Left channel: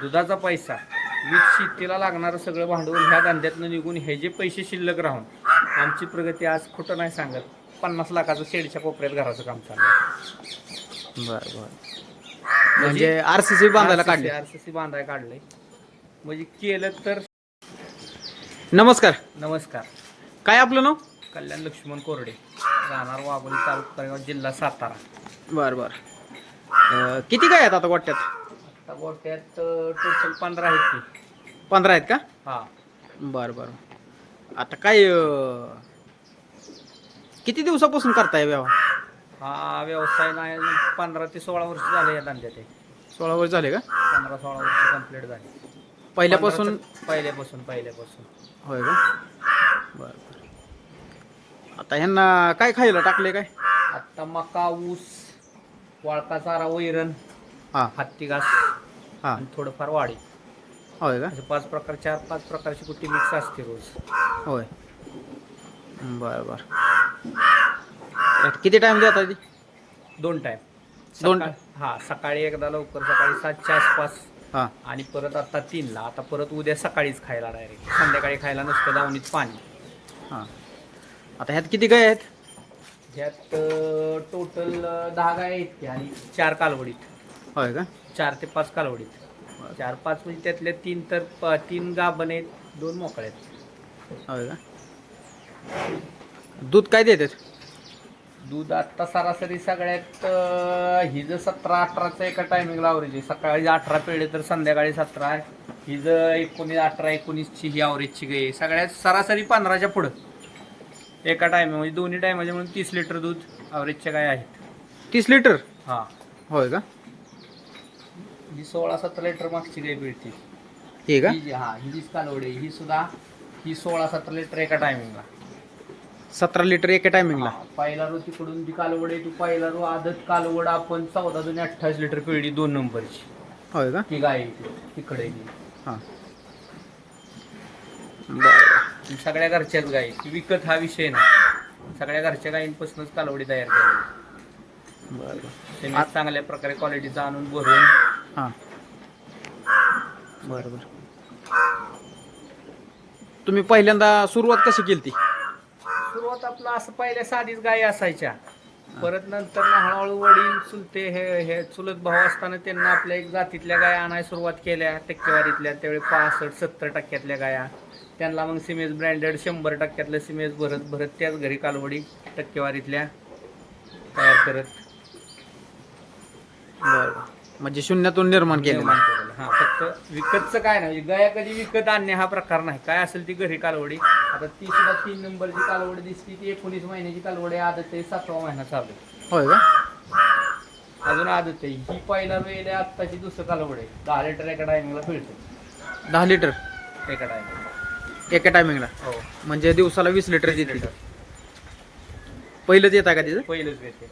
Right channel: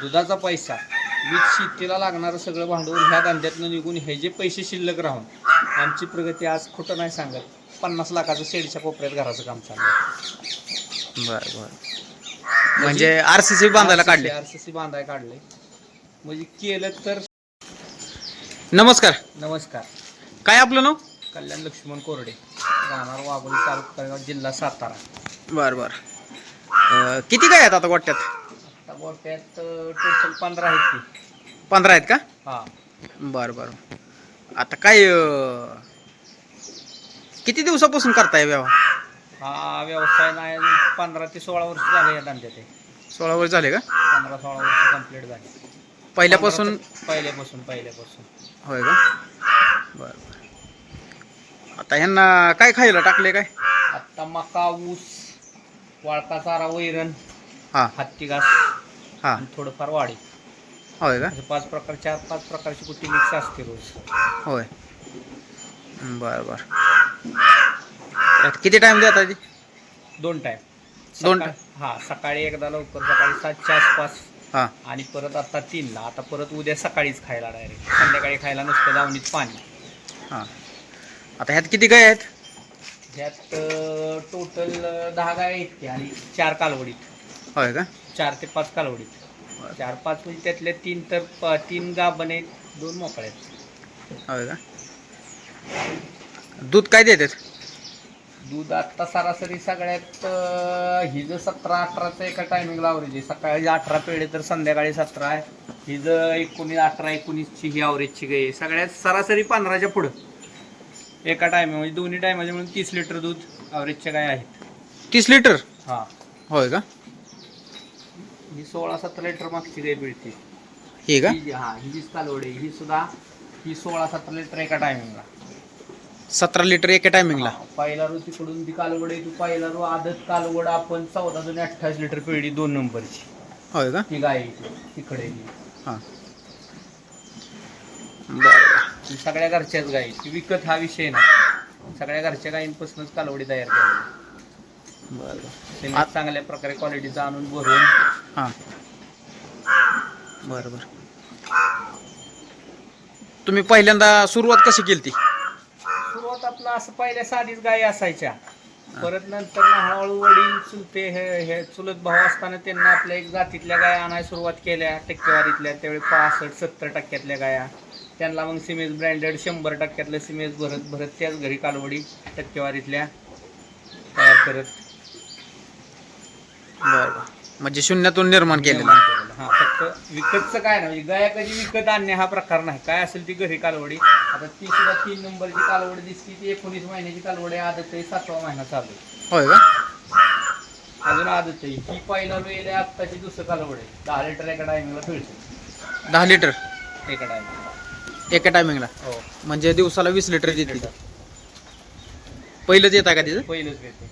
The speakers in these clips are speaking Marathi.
दुधाचा पैसा वीज शेतीला लागणारं सगळं भांडवल ह्या धंद्यातनं निघून हे जे पैसे शिल्लक राहून आमची प्रगती आज खोटं नाही सांगत. पन्नास लाखाचं शेडच्या कोपऱ्यात घराचं काम चाललं बर बर. म्हणजे आर सी सी बांधायला काढले? आरसीसी बांधाय काढलंय म्हणजे केलं तर नमस्कार. नमस्कार. काय आपलं नाव? कल्याण लक्ष्मण कोरडे. राहणार वाघोली तालुका जिल्हा सातारा. बर बर. अं, किती काय आहेत आता गोट्यात? आता गोट्यात टोटल पंधरा आहेत की. पंधरा आहेत का? हा. बर बर. आता काय अं, किती दिवसापासून करताय व्यवहार? हा व्यवसाय नाही पंधरा ते सोळा वर्ष झाले या धंद्यात. सोळा वर्ष झाले का? पंधरा सोळा वर्ष कंप्लीट झाली. पहिल्यापासून? पंधरा- पहिल्यापासून पहिल्यापासून. होय का? बर बर. आता ह्यांना काय खायला टाकले काय? आता मका ऊस वाळका चारा वैरण हा. हत्ती घास. हा. आणि थोडंफार वाढी होय का? असे पाच प्रकार चार पाच प्रकारची कुट्टी मिक्स असते रोज. होय. बर बर. यात किती टाइम देता ती दोन टाइम दोन हा सकाळी एकदा लवकर सकाळी सातच्या आसपास. हा. आणि परत आता तीनला. आता परत उद्या सकाळीच खायला डायरेक्ट संध्याकाळी खायला नसतं दावणीत पाणी. हा. आता ह्यात किती गाय आहेत? ह्यात टोटल दहा गाय आहेत आणि चार कालवडीत. होय का? चार ते पाच कालवडीत. चार पाच म्हणजे त्यातले तीन तर प- तीन गाभण आहेत दोन मोकळे आहेत. होय का? दूध काय देतात? दूध आत्ता सरासरी सगळ्यात अं, ही जर सतरा अठराचं एका टायमिंगला आवरेज आहे. सकाळी अठरा पेढे तर संध्याकाळी सतरा आहे. ही जर एकोणीस अठरा एकोणीसची ही आवरेजची गाय आहे. सगळ्यात सरासरी पंधराच्या पुढं. एका टायमिंग म्हणजे दोन्ही टायमाचे म्हणून तीस लिटर दूध आवरेजच्या गाय आहेत. तीस लिटर हां. होय का? ही सोळा सतरा लिटर मागची गाय मिळते. हे का? ही जी- हा ही जी कालवडी ही सुद्धा ही सोळा सतरा लिटर एका टायमिंगला सतरा लिटर एका टायमिंगला पहिला रो तिकडून ती कालवड आहे ती पहिला रो आदत कालवड आपण चौदा दोन अठ्ठावीस लिटर पिळली दोन नंबरची. होय का? ती गाय आहे ती, तिकडे आहे ती. हां. बरं. ती सगळ्या घरच्याच गायी ती विकत हा विषय ना सगळ्या घरच्या गायींपासूनच कालवडी तयार केली बरं. त्यांनी चांगल्या प्रकारे क्वालिटीचा आणून भरून. हां. बरं बरं. तुम्ही पहिल्यांदा सुरुवात कशी केली ती सुरुवात आपलं असं पहिल्या साधीच गायी असायच्या. परत नंतर ना हळूहळू वडील चुलते हे हे चुलत भाऊ असताना त्यांना आपल्या एक जातीतल्या गाया आणायला सुरुवात केल्या. टक्केवारीतल्या त्यावेळी पासष्ट सत्तर टक्क्यातल्या गाया. त्यांना मग सिमेज ब्रँडेड शंभर टक्क्यातलं सिमेज भरत भरत त्याच घरी कालवडी टक्केवारीतल्या तयार करत. बरं बरं. म्हणजे शून्यातून निर्माण केलेलं. निर्माण केलेलं. हा फक्त विकतचं काय नाही. म्हणजे गाया कधी विकत आणणे हा प्रकार नाही. काय असेल ती घरी कालवडी. आता ती सुद्धा तीन नंबरची कालवडी दिसती. ती एकोणीस महिन्याची कालवडी आदत आहे. सातवा महिना चालू आहे. होय का? अजून आदत आहे. ही पहिला वेळ आहे. आत्ताची दुसरं कालवड आहे. दहा लिटर एका टायमिंगला पिळते दहा लिटर? एका टायमिंगला एका टायमिंगला हो. म्हणजे दिवसाला वीस लिटर देते. पहिलंच येतं का तिचं पहिलंच येते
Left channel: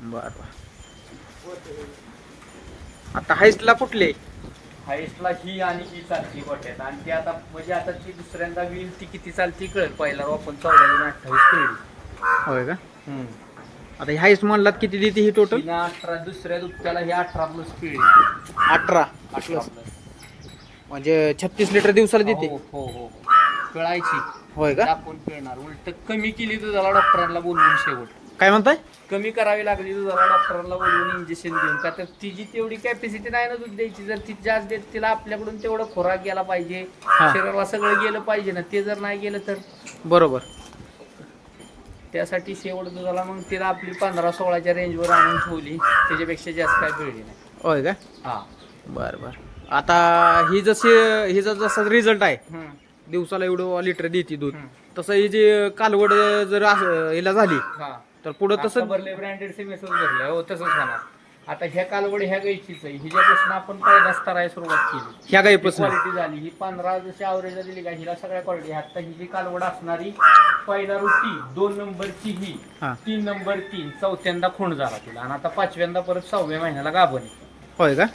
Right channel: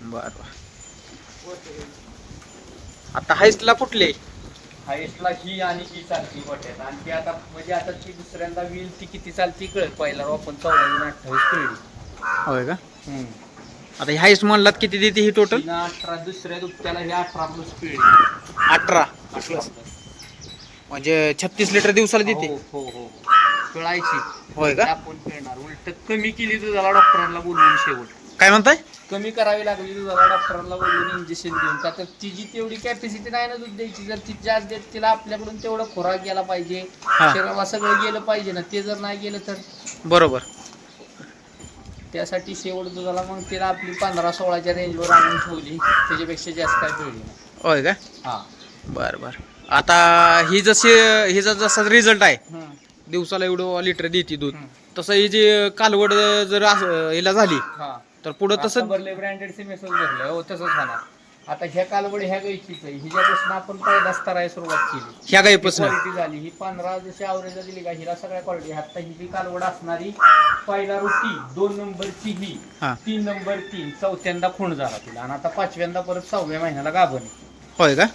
बरं बरं. आता हाईस्टला कुठले? हायेस्टला ही आणि ही चालती गोट्यात. आणि ती आता म्हणजे आता ती दुसऱ्यांदा व्हील ती किती चालती कळेल. पहिला आपण चौदा आणि अठ्ठावीस होय का? आता ही हाईस्ट म्हणलात किती देते ही टोटल अठरा दुसऱ्या दुपट्याला ही अठरा प्लस पिळली अठरा. अठरा प्लस म्हणजे छत्तीस लिटर दिवसाला देते. हो हो हो. पिळायची होय का? आपण पिळणार उलट कमी केली तर त्याला डॉक्टरांना बोलवून शेवट. काय म्हणताय? कमी करावी लागली दुधाला डॉक्टरांना बोलवून इंजेक्शन देऊन. का तर तिची तेवढी कॅपॅसिटी नाही ना दूध द्यायची. जर ती जास्त देत तिला आपल्याकडून तेवढं खोराक गेला पाहिजे. हा. शरीराला सगळं गेलं पाहिजे ना. ते जर नाही गेलं तर? बरोबर. त्यासाठी शेवट दुधाला मग तिला आपली पंधरा सोळाच्या रेंजवर आणून ठेवली. त्याच्यापेक्षा जास्त काय पिळली नाही. होय का? हा. बर बर. आता ही जशी हिचा जसा रिझल्ट आहे हम्म. दिवसाला एवढं लिटर देते दूध. हम्म. तसं ही जी कालवड जर असं हिला झाली हा. तर पुढं तसं भरले ब्रँडेड सिमेसच भरलं हो तसंच होणार. आता ह्या कालवडी ह्या गायचीच आहे. हिच्यापासून आपण पहिलाच तरायला सुरुवात केली. ह्या गाईपासून? क्वालिटी झाली. ही पंधरा जशी आवरेज दिली का हिला सगळ्या क्वालिटी आता ही जी कालवड असणारी पहिला रुटी दोन नंबरची ही. हा. तीन नंबर तीन. चौथ्यांदा खूण झाला तिला. आणि आता पाचव्यांदा परत सहाव्या महिन्याला गाभण आहे. होय का?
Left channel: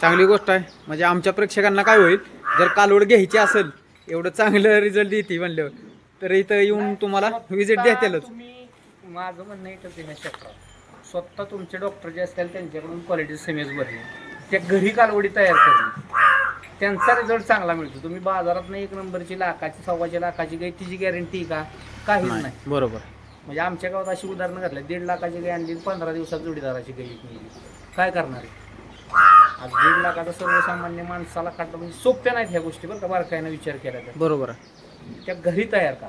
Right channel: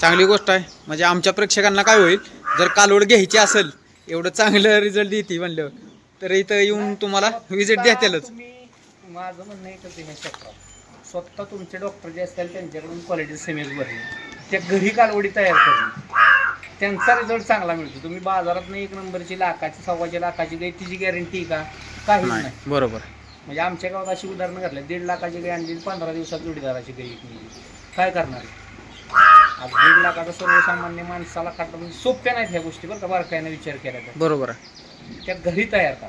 चांगली गोष्ट आहे. म्हणजे आमच्या प्रेक्षकांना काय होईल जर कालवड घ्यायची असेल एवढं चांगलं रिझल्ट देते म्हणल्यावर. तर इथं येऊन तुम्हाला विजिट देतालच. माझं म्हणणं एकच आहे क्षेत्रात स्वतः तुमचे डॉक्टर जे असतील त्यांच्याकडून क्वालिटी सेमेज भरली. त्या घरी कालवडी तयार करणे त्यांचा रिझल्ट चांगला मिळतो. तुम्ही बाजारात एक नंबरची लाखाची सव्वाची लाखाची गाय तिची गॅरंटी का? काहीच नाही. बरोबर. म्हणजे आमच्या गावात अशी उदाहरणं घातली. दीड लाखाची गाय आणली पंधरा दिवसात जोडीदाराची गाय विकली काय करणार? आज दीड लाखाचा सर्वसामान्य माणसाला काढणं म्हणजे सोप्या नाहीत ह्या गोष्टी बरं का बारकाईनं विचार केला तर. बरोबर आहे. त्या घरी तयार करा.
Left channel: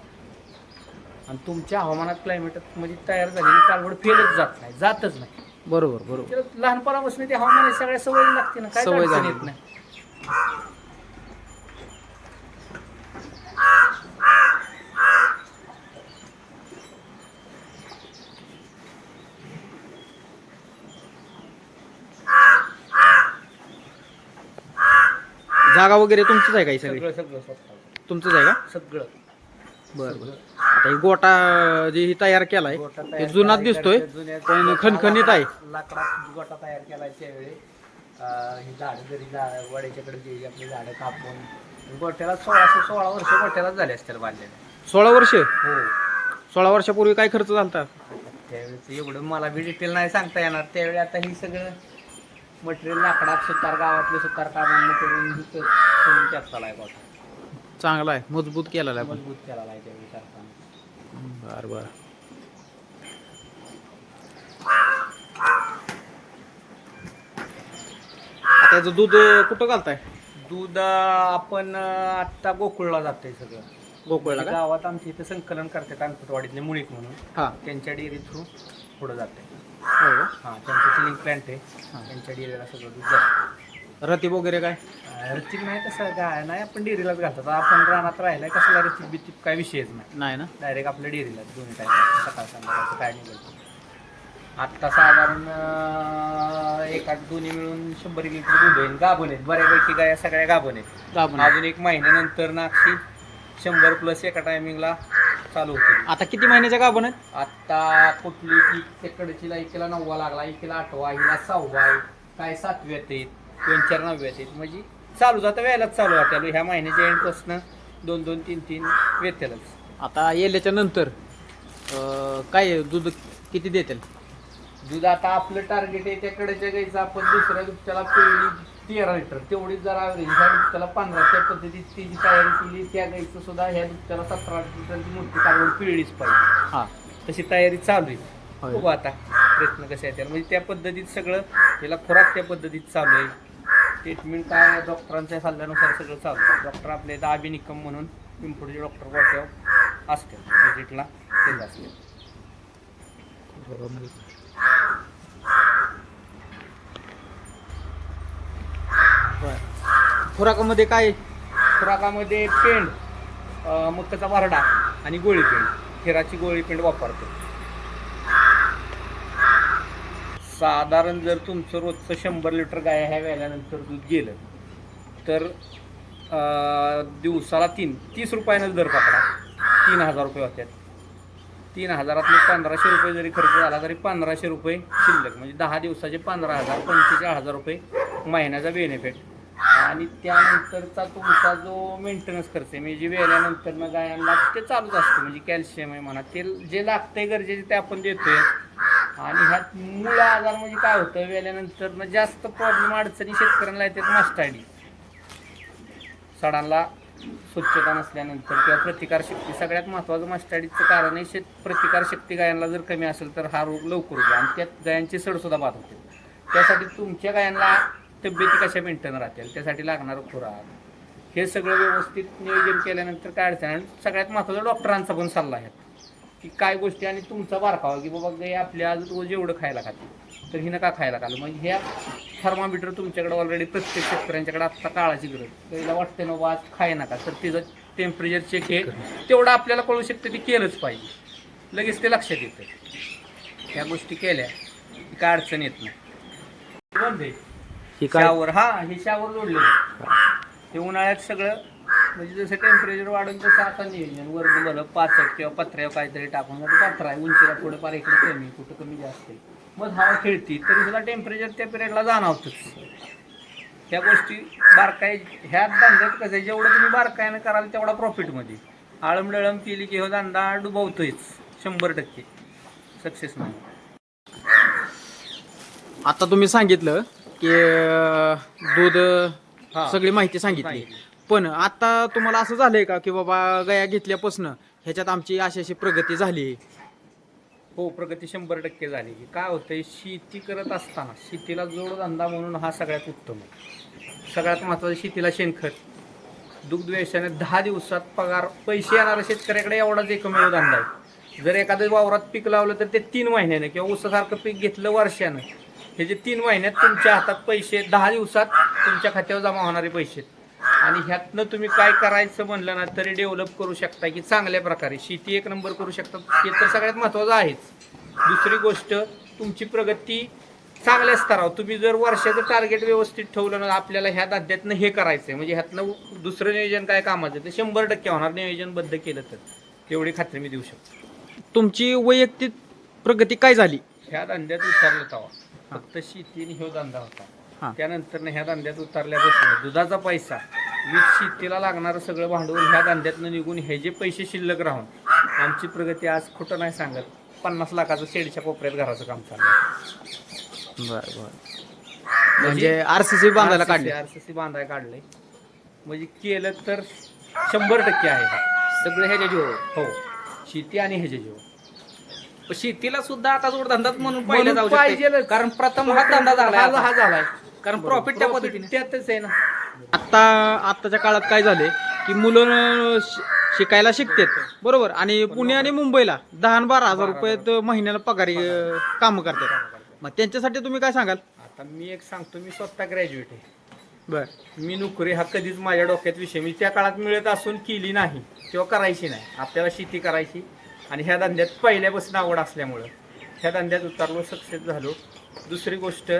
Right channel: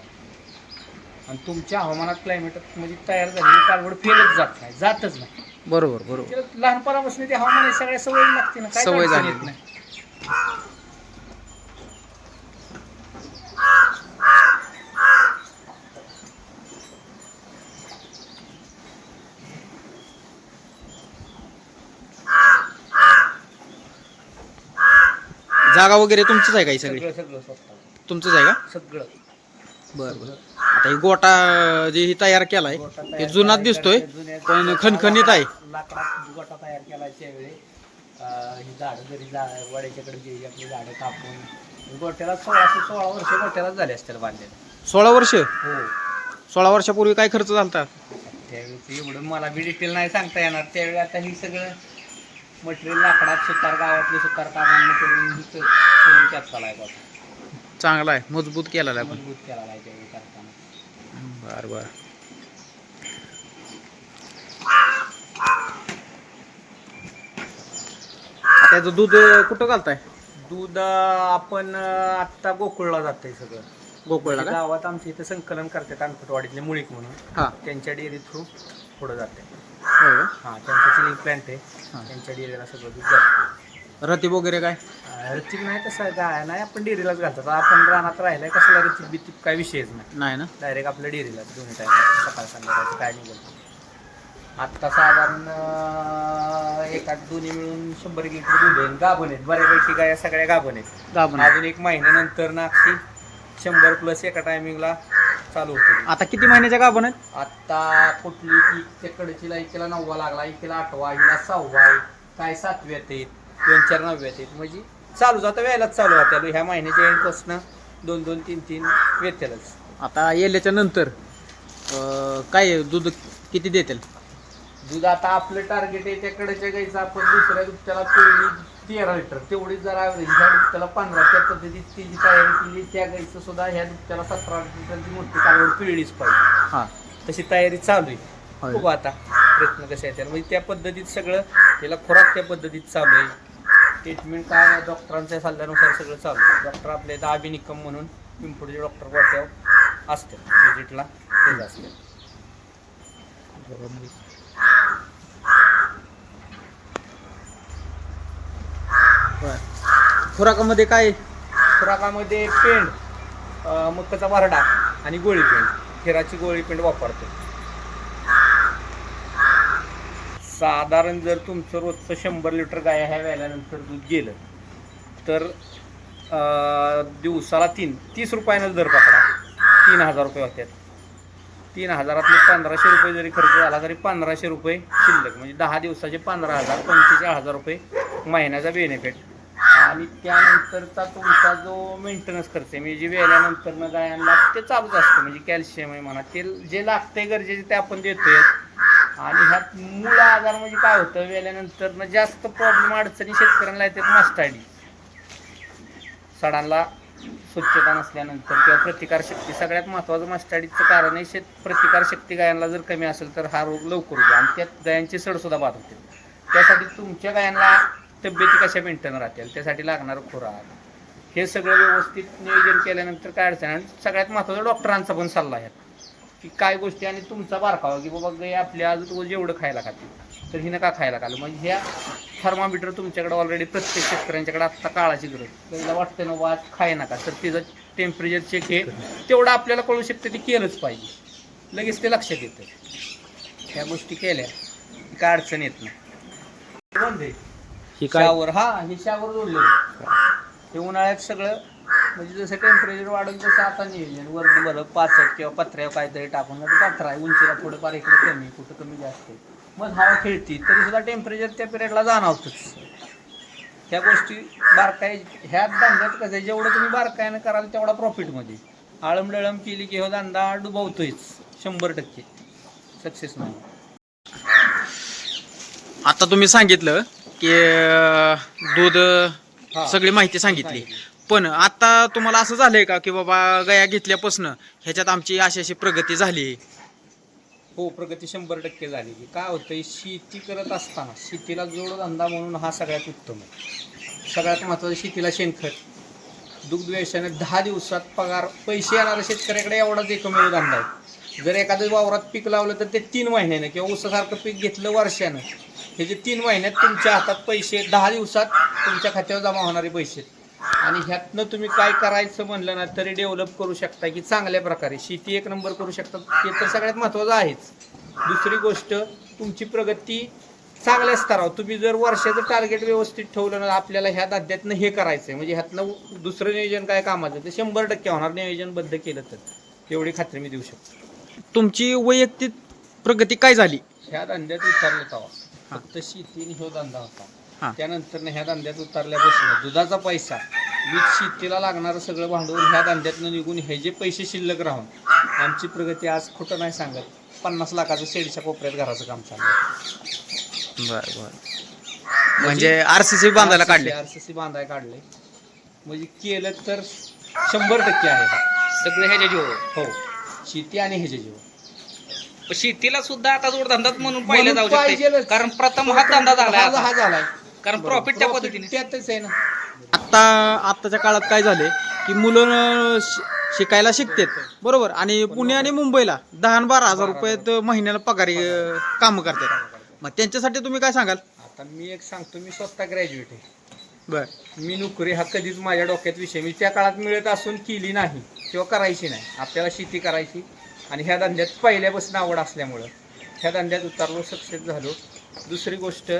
आणि तुमच्या हवामानात क्लायमेटात म्हणजे तयार झालेली कालवड फेलच जात नाही जातच नाही. बरोबर बरोबर. लहानपणापासून ते हवामान सगळ्या सवय लागते ना काय सवय अडचण झाली. येत नाही जागा वगैरे तुमचीच आहे का ही सगळी? सगळं सगळं स्वतः तुमचंच आहे का? सगळं. बरं बरं. आता ही गोटा जे ही तयार केलाय गोटा हे जुनाच केलाय, दिसतोय जुन्या- पण खणखणीत आहे. लाकडात गोटा तयार केलाय त्यावेळी. अं, ही झाडं जरी झाड वड्याच्याकडे जे आपली झाडं कापून गोट्याला सोळाशे सोळा वर्ष गोट्यालाच झाले असतील बांधलेले. सोळा वर्ष? हो. सोळा वर्षापूर्वी काय खर्च झालता? त्यावेळी एवढं मला बी डिटेल नाही सांगता येणार. त्यावेळी आता ही सगळं मटेरियल लाकडात सुतार गावातले सुतार कामांना करून ही क- करून त्यात चालाय गोटा. चांगला आहे मजबूत केलेला आहे मजबूत केला आहे त्यावेळी करताना. बर बर. आता याचं दूध कुठं घालताय? दूध अं, आपण अं, आत्ता गोकुळला जातंय सगळं. गोकुळला म्हणजे का? गावात आमच्या इथं संकलन करतात अंकटवाडीतले मुळीक म्हणून. हा. त्यांच्या डेअरी थ्रू पुढं जाते हो का? हां त्यांचं चिलिंग प्लॅन्ट आहे. त्यांच्या डेअरीला सगळं दूध जातं रतीब वगैरे काय? रचिक नाही कसं गाय नाही आपण डेअरीलाच घालतात. आपण रानात राहिलाय कसला रचिक बिचिक काय विषयच नाही. नाही ना? डायरेक्ट आपल्या डेअरीलाच दोन्ही टाईम सकाळ संध्याकाळचं काय निघाल आत्ता साधारण अं, एका दोन्ही मिळून शंभर लिटर दूध आहे. गाभण आहेत. बऱ्यापैकी गाया सगळ्या गाभण आहेत. गाभण. अजून एक महिन्यानंतर नाक्षी शंभर प्लस एका टायमिंगला चालू होते. आता किती महिन्याच्या गाभण आहेत? आता कुठली की तिकडची एकीला नववा लागला एकीला आठवा हिला सहावा आहे काय सातव्यात आहेत. दोन चार नवव्यात आहेत. म्हणजे चालू जातं वेळेलाच चालू राहत्यालो ह्या महिन्याच्या एंडपासून दोन दोन तीन तीन वेतेलच आता येल्याच्या नंतर अं, काय आहे? दूध किती देतील? दूध आता आपलं टार्गेट आहे त्याकडेच्या गाईचं आपण दुसऱ्या दुभत्याला पिळली तेरा लिटर. तेवढीच जर ॲव्हरेज ह्या दुभत्याला पंधरा त्या पद्धतीत ती जी तयारी केली त्या गाईचं सुद्धा ह्या दुभत्याला सतरा लिटरची मोठी कालवड पिळलीच पाहिजे. हा. तशी तयारी चालू आहे. होय. बघू आता प्रयत्न कसे आहेत म्हणजे त्या पद्धतीत सगळं त्याला खुराक त्या पद्धतीत चालू आहे. ट्रीटमेंट काय डॉक्टरांच्या सल्ल्यानुसार सगळं चालू डॉक्टर आपले इथं निकम म्हणून पिंपुडचे डॉक्टर गोट्यावर असते. विजिटला तेच असते. खुराकामध्ये काय खुराकामध्ये पेंड मक्काचा वारडा आणि गोळी पेंड. खेराची गोळी पेंड वापरतो. साधारण जर तुमचं रोजचं शंभर लिटर गाय ह्या व्याल्यानंतर दूध गेलं तर दिवसाला तीन तीस रुपयानंच दर पकडा. तीन हजार रुपये होत्यात. तीन हजारातले पंधराशे रुपये जरी खर्च झाला तरी पंधराशे रुपये शिल्लक म्हणजे दहा दिवसाचे पंधरा हजार पंचेचाळीस हजार रुपये महिन्याचा बेनिफिट आणि त्यानंतरचा तुमचा जो मेंटेनन्स खर्च आहे म्हणजे जे वेल्यानंतर मग गायांना ते चालूच असतं म्हणजे कॅल्शियम आहे म्हणा ते जे लागतंय गरजेचे ते आपण देतोय. आणि ह्यात मूळ आजार म्हणजे काय होतं? वेल्यानंतर जास्त प्रॉब्लेम अडचणी शेतकऱ्यांना येतात मास्टाडी सडांना स्वच्छता नसल्यानंतर किंवा प्रतिकारशक्ती सगळ्यात महत्त्वाचं मास्टाडीचं कारण आहे शेत प्रतिकारशक्ती गायांना जर कमी असेल तर हा रोग लवकर होतो. आणि त्यात गायांची सडसुद्धा बाद होते. त्यासाठी तुमच्या गायांना तब्येती कशा मेंटेन राहतील? त्यासाठी लागणारं खुराक. हे सगळं व्यवस्थित नियोजन केल्यानंतर काय अडचण? आणि सगळ्यात महत्त्वाचा डॉक्टरांचा पण सल्ला आहे. की काय गोष्टी आणि तुमचा बारकावा की बाबा गाय आपल्या आज रोज एवढं खायला खाते तर हिनं का खायला खाल्लं? म्हणजे ह्या थर्मामीटर तुमच्याकडे ऑलरेडी प्रत्येक शेतकऱ्यांच्याकडे आत्ता काळाची गरज. गाईला वाटते ना बा आज खाय नका तर तिचं टेम्परेचर चेक हे तेवढं आपल्याला कळू शकतं ते केलंच पाहिजे. लगेच ते लक्षात येतं. ह्या गोष्टी केल्या की काय अडचण येत नाही. ही शावर हा हे शावर जोडलेलं हे उन्हाळ्यात सगळं म्हणजे जसं टेम्परेचर वाढून तसं आता नियोजन वरनं बरं पाचट किंवा पत्र्यावर काहीतरी टाकून आता पत्रा आहे उंचीला थोडंफार इकडे कमी कुठं कमी जास्त आहे. मग हवा खेळती तरी सुद्धा टेम्परेचर त्या पिरियडला जाणवतंच. ह्या गोष्टी बारकाय ह्या धंद्यात कसं आहे जेवढं तुम्ही बारकायानं कराल तेवढा प्रॉफिटमध्ये आळमडळम केली की हो धंदा डुबवतोयच शंभर टक्के. सक्सेस नाही. आता तुम्ही सांगितलं की दूध. सगळी माहिती सांगितली. पण आता तुम्हाला असं झालंय का की बाबा गया घेतल्यापासून ह्याच्यात आमची अशी अशी प्रगती झाली? हो प्रगती शंभर टक्के झाली. की काय होतंय शेती करत असताना शेतीला जोडधंदा म्हणून हा सगळ्यात उत्तम आहे. सगळ्यात महत्त्वाचं शेतीला शेणखत. दुग्ध व्यवसायाने दहा दिवसात पगार पैसे येणारा शेतकऱ्याकडे एवढाच एकमेव धंदा आहे. जर एखादं वावरात पीक लावलं तर ते तीन महिन्यानं किंवा ऊसासारखं पीक घेतलं वर्षानं हे जे तीन महिन्यात तुमच्या हातात पैसे दहा दिवसात तुमच्या खात्यावर जमा होणारे पैसे आहेत. आणि ह्यातनं तुम्ही काय करायचं म्हणलं ना तरी डेव्हलप करू शकता की चांगल्या प्रकारे. शेती एक नंबर करू शकता. ते तर सगळ्यात महत्त्वाचं आहेच. दुसरी गोष्ट तुमची प्रगती चांगल्या स्तरावर. तुम्ही जर वर्षाचं टार्गेट व्यवस्थित ठेवलं ना आपल्याला ह्या धंद्यातनं हे करायचं आहे म्हणजे ह्यातनं दुसरं नियोजन काय कामाचं? ते शंभर टक्के होणार. नियोजनबद्ध केलं तर. एवढी खात्री मी देऊ शकतो. तुमची वैयक्तिक प्रगती काय झाली? ह्या धंद्यात उतरलं तेव्हा फक्त शेती आणि ह्यो धंदा हा. त्यानंतर ह्या धंद्यात उतरल्यापासून दुधाचा पैसा वीज शेतीला लागणारं सगळं भांडवल ह्या धंद्यातनं निघून हे जे पैसे शिल्लक राहून आमची प्रगती आज खोटं नाही सांगत. पन्नास लाखाचं शेडच्या कोपऱ्यात घराचं काम चाललं बर बर. म्हणजे आरसीसी बांधायला काढले? आरसीसी बांधायला काढले. म्हणजे केलं तर शंभर टक्के आहे. हा. सगळं ह्याच्या जीव हो. शेती आणि ह्याचे जीव शेतीला सुद्धा आता जोडधंदाच म्हणून पाहिलं म्हणून जाऊ शकते. पाहिजेलच. कारण प्रथम हा धंदा झाला हा हा. झालाय कारण. प्रॉफिट त्या पद्धतीने त्यातच आहे ना. आता आत्ताच्या काळात काय झाले की मुलं शि- शिकायला शिकतात. बरोबर. आणि पुणे आणि मुंबईला दहा आणि बारा हजार रुपयात महिन्याला पगारी काम करतात. मग त्यांच्यासाठी तुम्ही काय सांगाल? आता मी एक सांगतो मी स्वतः ग्रॅज्युएट आहे. बर. मी नोकरी हा कधीच माझ्या डोक्यात विषय मी त्या काळात मिळत असून केली नाही किंवा करायची नाही. आपल्याला शेती करायची. आणि ह्या धंद्यात पहिल्यापासून आवड असल्यामुळं ह्या धंद्यात उतरलो सक्सेस झालो. दुसरी गोष्ट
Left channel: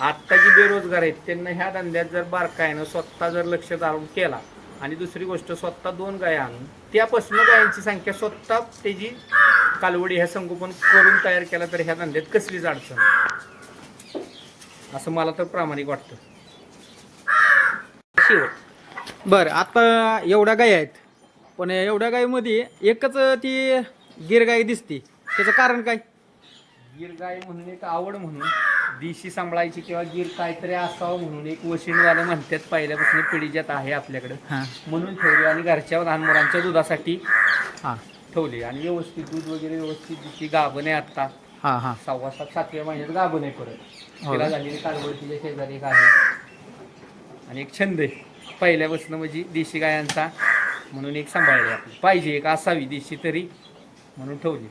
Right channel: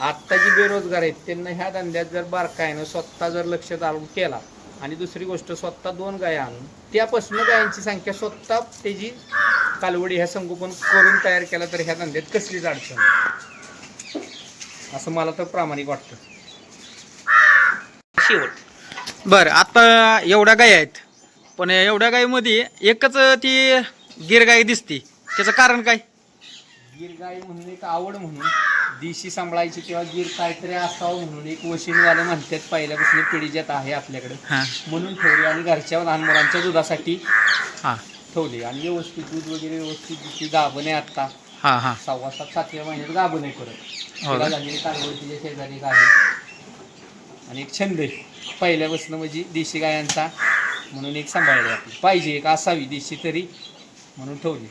आत्ता जी बेरोजगार आहेत त्यांना ह्या धंद्यात जर बारकाईनं स्वतः जर लक्ष घालून केला. आणि दुसरी गोष्ट स्वतः दोन गाया आणून त्यापासून गायांची संख्या स्वतः त्याची कालवडी ह्या संगोपन करून तयार केला तर ह्या धंद्यात कसलीच अडचण. असं मला तर प्रामाणिक वाटतं. शेवट. बर आता एवढ्या गाय आहेत. पण एवढ्या गायीमध्ये एकच ती गिर गाय दिसते. त्याचं कारण काय? गीर गाय म्हणून एक आवड म्हणून देशी सांभाळायची किंवा गीर काहीतरी असावं म्हणून एक वशीणवालं म्हणतात पहिल्यापासून पिढीजात आहे आपल्याकडे. हां. म्हणून ठेवली आणि घरच्या लहान मुलांच्या दुधासाठी हां. ठेवली. आणि व्यवस्थित दूध वगैरे व्यवस्थित ती गाभण आहे आता हां हां. सव्वा सात सातव्या महिन्यात गाभण आहे परत. हो तिला का? झालेली शेजारी एक आहे. आणि एक छंद आहे. पहिल्यापासून म्हणजे देशी गायांचा म्हणून एक सांभाळली आपली पाहिजे एक असावी देशी तरी म्हणून ठेवली.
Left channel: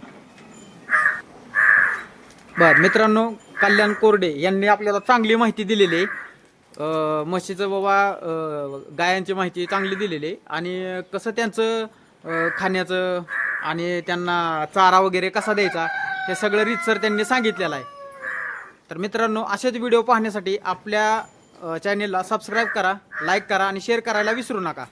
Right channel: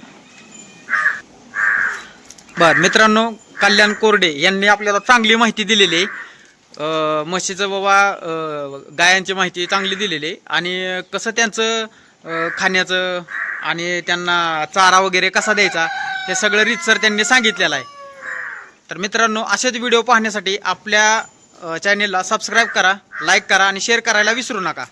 बर मित्रांनो कल्याण कोरडे यांनी आपल्याला चांगली माहिती दिलेली. आहे म्हशीचं बाबा गायांची माहिती चांगली दिलेली. आहे आणि कसं त्यांचं खाण्याचं आणि त्यांना चारा वगैरे कसा द्यायचा हे सगळं रीतसर त्यांनी सांगितलेलं आहे. तर मित्रांनो असेच व्हिडिओ पाहण्यासाठी आपल्या चॅनेलला सबस्क्राईब करा लाईक करा आणि शेअर करायला विसरू नका.